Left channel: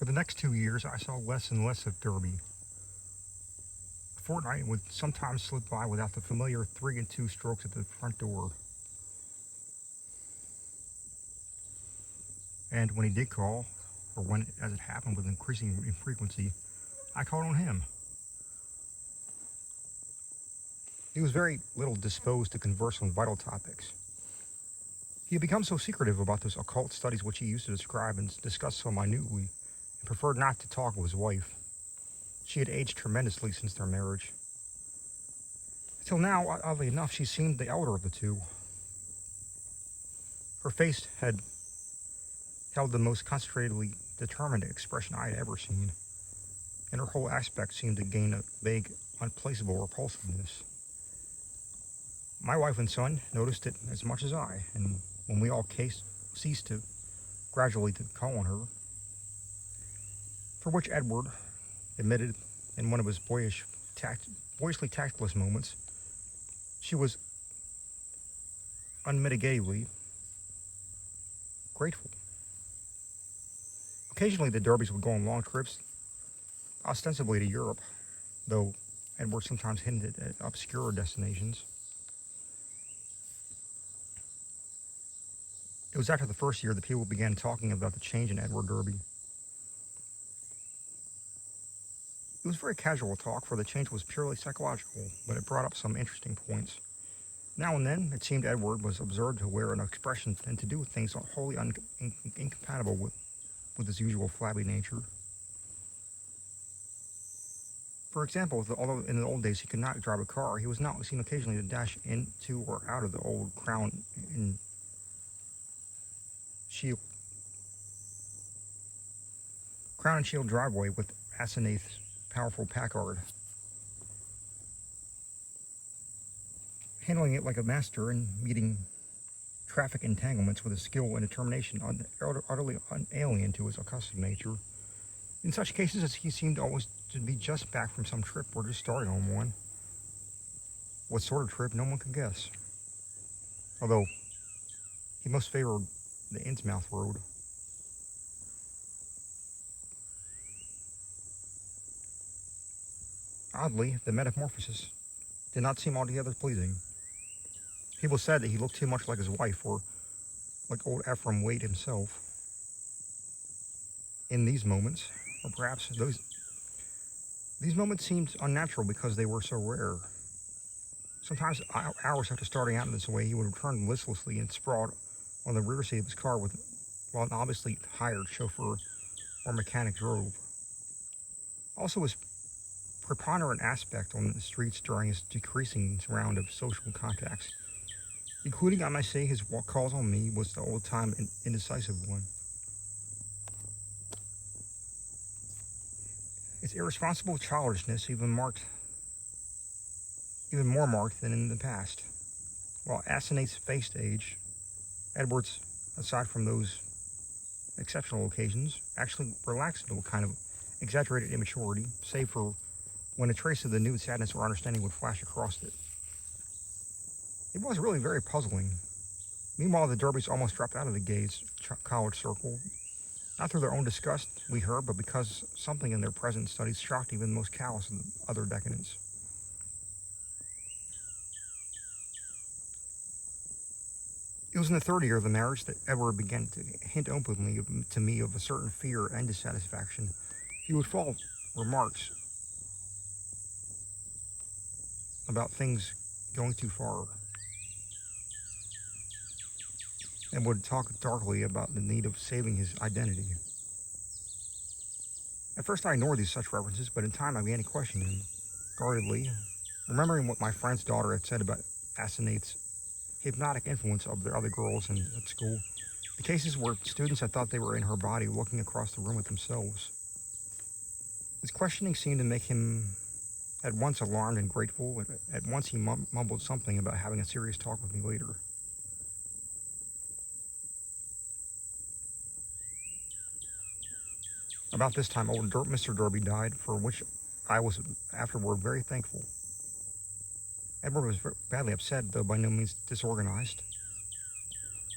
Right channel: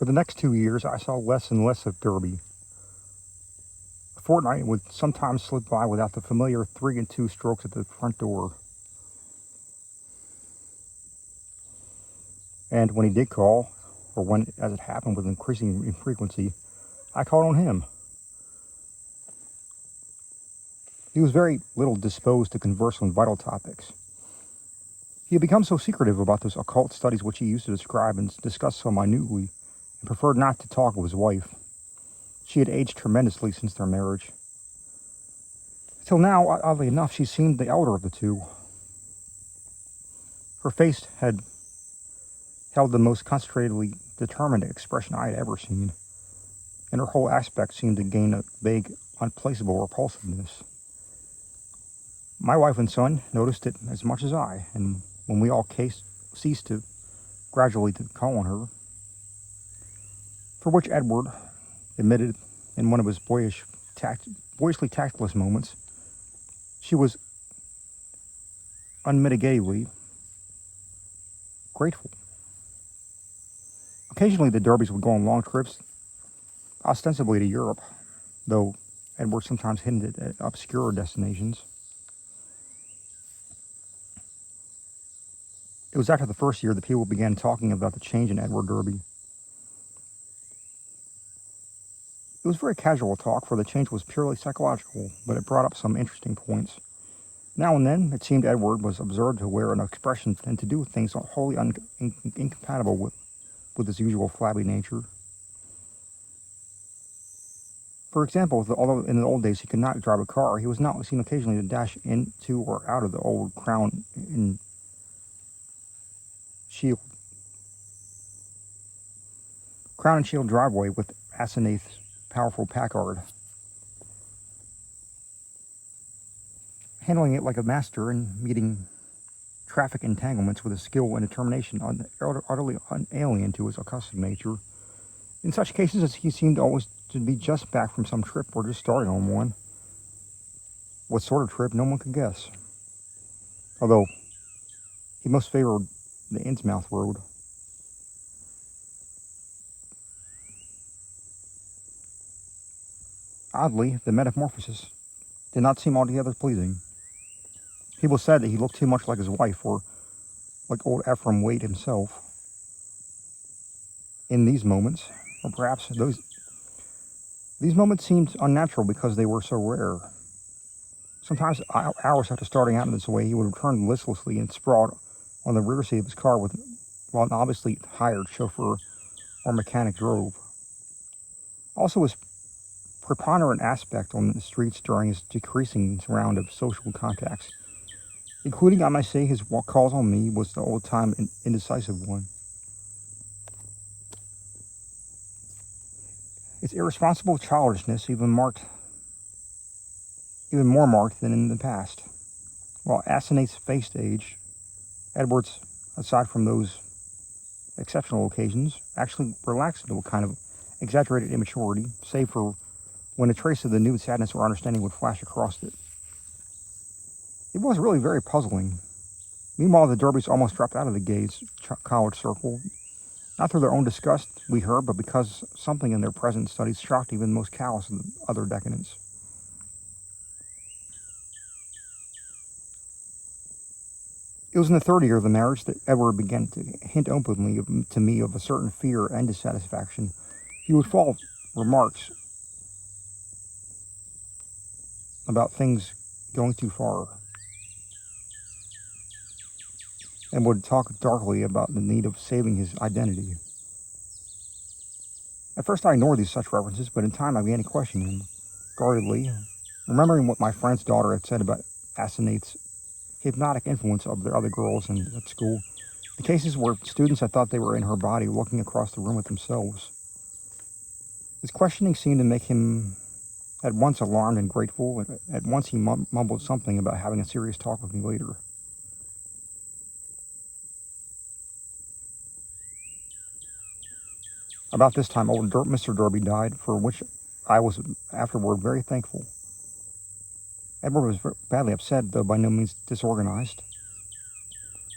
For the next 2 years, I saw less and less of Derby. A fortnight would sometimes slip by without the familiar 3 and 2 strokes at the front door. And when he did call, or when, as it happened with increasing infrequency, I called on him. He was very little disposed to converse on vital topics. He had become so secretive about those occult studies which he used to describe and discuss so minutely, and preferred not to talk of his wife. She had aged tremendously since their marriage. Till now, oddly enough, she seemed the elder of the two. Her face had held the most concentratedly determined expression I had ever seen, and her whole aspect seemed to gain a vague, unplaceable repulsiveness. My wife and son noticed it as much as I, and when we all ceased to gradually to call on her, for which Edward admitted in one of his boyishly tactless moments, she was unmitigatedly grateful. Occasionally the Derbys would go on long trips, ostensibly to Europe, though Edward sometimes hinted at obscure destinations. It was after the first year that people began talking about the change in Edward Derby. It was very casual talk, for the change was purely psychological, but it brought up some interesting points. Now and then, it seemed Edward was observed to wear an expression and to do things wholly incompatible with his usual flabby nature. For example, although in the old days he could not drive a car, he was not seen occasionally to dash into or out of the old Crown and Shield driveway with Asenath's powerful Packard, handling it like a master and meeting traffic entanglements with a skill and determination utterly alien to his accustomed nature. In such cases, he seemed always to be just back from some trip or just starting on one. What sort of trip, no one could guess, although he most favored the Innsmouth road. Oddly, the metamorphosis did not seem altogether pleasing. People said that he looked too much like his wife, or like old Ephraim Waite himself. In these moments, or perhaps these moments seemed unnatural because they were so rare. Sometimes, hours after starting out in this way, he would return listlessly and sprawled on the rear seat of his car while an obviously hired chauffeur or mechanic drove. Also, his preponderant aspect on the streets during his decreasing round of social contacts, including, I might say, his calls on me, was the old-time indecisive one. Its irresponsible childishness even more marked than in the past. While Asenath's faced age, Edward's, aside from those exceptional occasions, actually relaxed into a kind of exaggerated immaturity, save for when a trace of the new sadness or understanding would flash across it. It was really very puzzling. Meanwhile, the Derbys almost dropped out of the Gays' college circle, not through their own disgust, we heard, but because something in their present studies shocked even the most callous of the other decadents. It was in the third year of the marriage that Edward began to hint openly to me of a certain fear and dissatisfaction. He would fall remarks about things going too far, and would talk darkly about the need of saving his identity. At first I ignored these such references, but in time I began to question him, guardedly, remembering what my friend's daughter had said about Asenath's hypnotic influence of the other girls at school, the cases where students had thought they were in her body looking across the room at themselves. His questioning seemed to make him at once alarmed and grateful, and at once he mumbled something about having a serious talk with me later. About this time, old Mr. Derby died, for which I was afterward very thankful. Edward was badly upset, though by no means disorganized.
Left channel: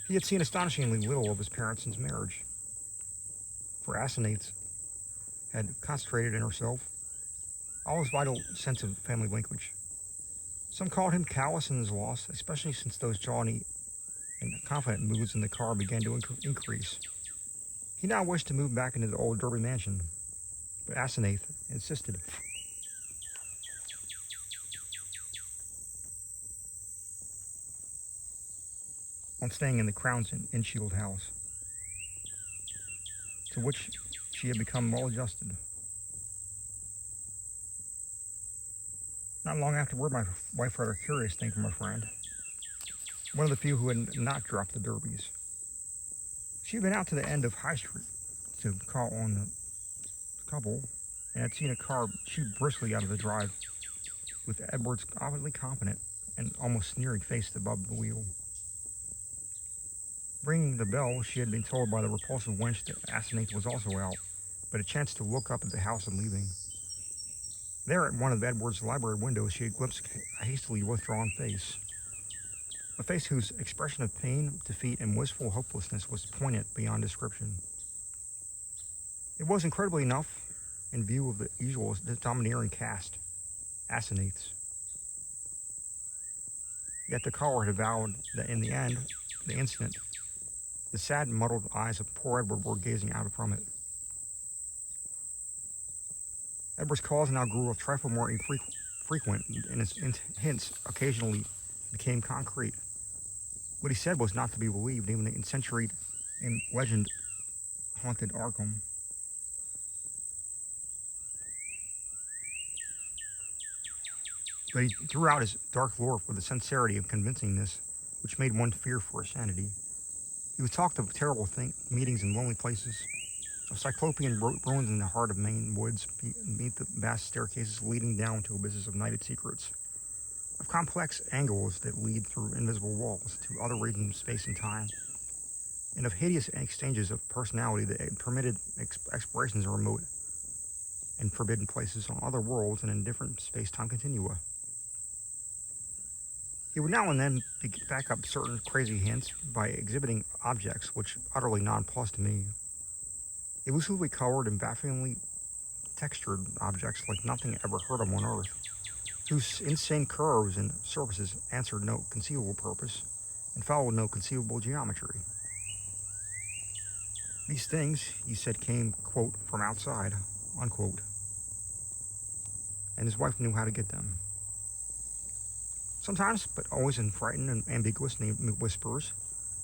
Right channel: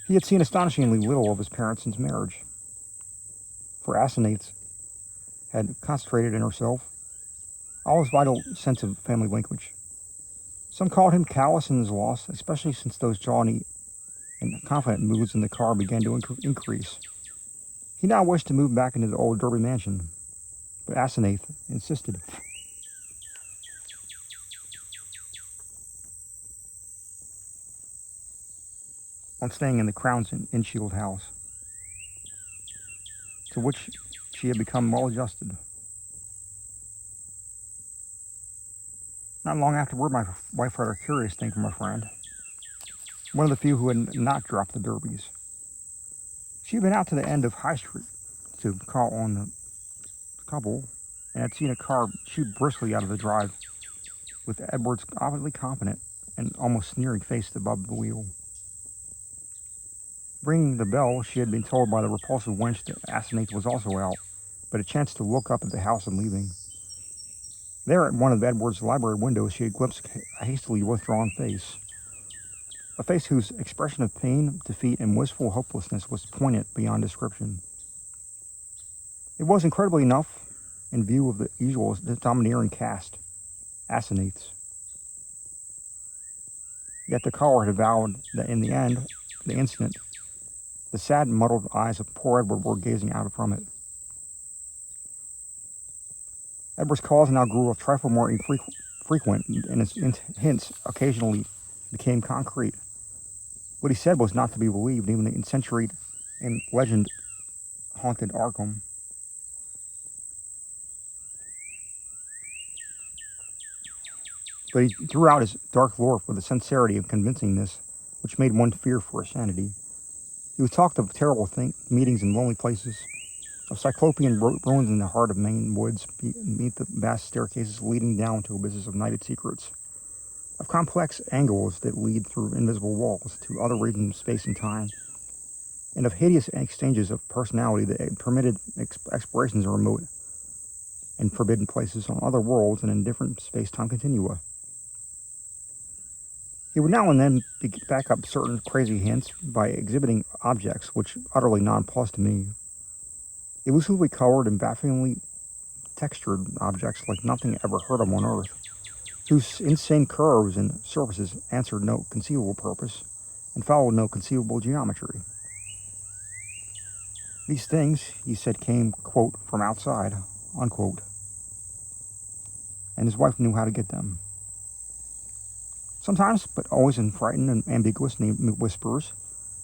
He had seen astonishingly little of his parents since marriage. For Asenath's had concentrated in herself all his vital sense of family linkage. Some called him callous in his loss, especially since those jaunty and confident moods in the car began to increase. He now wished to move back into the old Derby mansion, but Asenath insisted. On staying in the Crown's Innshield house, to which she had become well adjusted. Not long afterward, my wife heard a curious thing from a friend, one of the few who had not dropped the derbies. She had been out to the end of High Street to call on the couple and had seen a car shoot briskly out of the drive with Edward's obviously confident and almost sneering face above the wheel. Ringing the bell, she had been told by the repulsive wench that Asenath was also out, but a chance to look up at the house and leaving. There at one of Edward's library windows, she had glimpsed a hastily withdrawn face. A face whose expression of pain, defeat, and wistful hopelessness was poignant beyond description. It was incredibly enough in view of the usual domineering cast, Asenath's. Yet the caller had vowed that in the end, the instant, the sad, muddled eyes of poor Edward were gazing out from it. Edward's calls now grew a trifle more frequent, and his hints occasionally became concrete. What he said was not to be believed, even in century and legend-haunted Arkham. But he threw out his dark lore with a sincerity of convincingness which made one fear for his sanity. He would talk of terrible meetings in lonely places, of cyclopean ruins in the heart of Maine woods beneath the vast staircases leading down to abysses of nighted secrets, of complex angles that lead through invisible walls to other regions of space and time, and of hideous exchanges of personality that permitted explorations in remote and forbidden places on other worlds and in different space-time continua. He would now and then back up certain crazy hints by exhibiting objects which utterly nonplussed me. Elusively colored and bafflingly textured objects like nothing ever heard of on Earth, whose insane curves and surfaces answered no conceivable purpose and followed no conceivable geometry. These things, he said, came, quote, from outside, unquote, and his wife knew how to get them. Sometimes, but always in frightened and ambiguous whispers,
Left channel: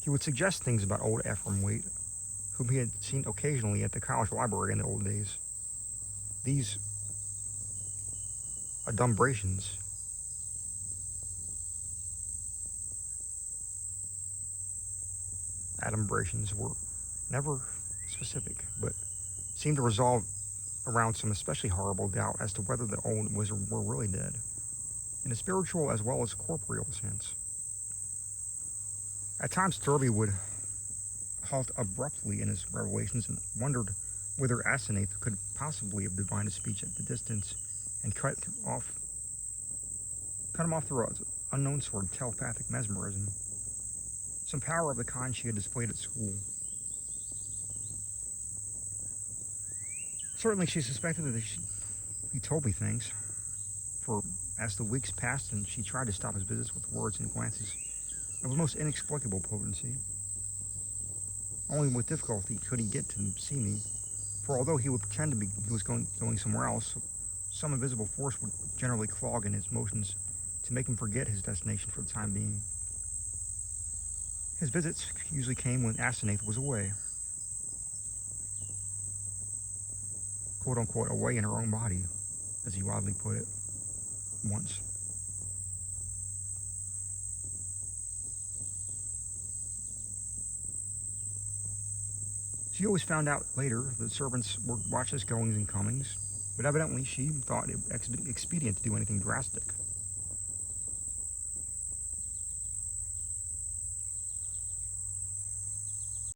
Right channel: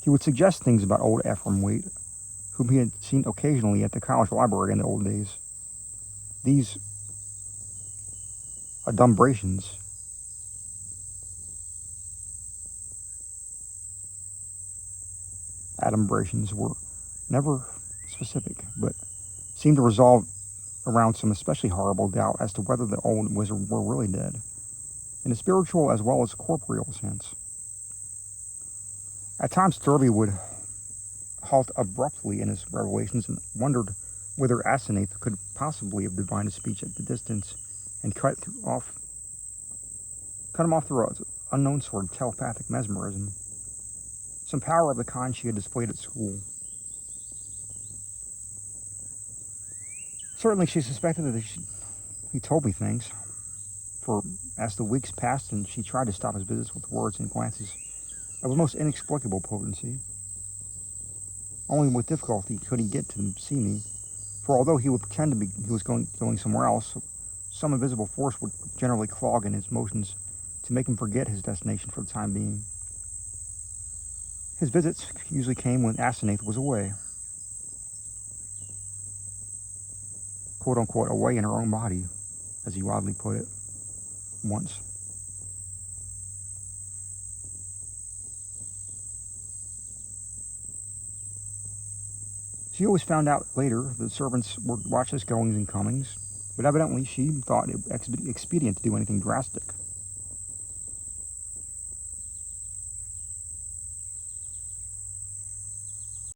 he would suggest things about old Ephraim Waite, whom he had seen occasionally at the college library in the old days. These adumbrations were never specific, but seemed to resolve around some especially horrible doubt as to whether the old wizard were really dead, in a spiritual as well as corporeal sense. At times, Derby would halt abruptly in his revelations and wondered whether Asenath could possibly have divined a speech at the distance and cut him off through an unknown sort of telepathic mesmerism, some power of the kind she had displayed at school. Certainly she suspected that he told me things, for as the weeks passed and she tried to stop his visits with words and glances of a most inexplicable potency, only with difficulty could he get to see me, for although he would pretend he was going somewhere else, some invisible force would generally clog in his motions to make him forget his destination for the time being. His visits usually came when Asenath was away, quote-unquote, away in her own body, as he oddly put it, once. She always found out later that servants would watch his goings and comings, but evidently she thought it expedient to do anything drastic.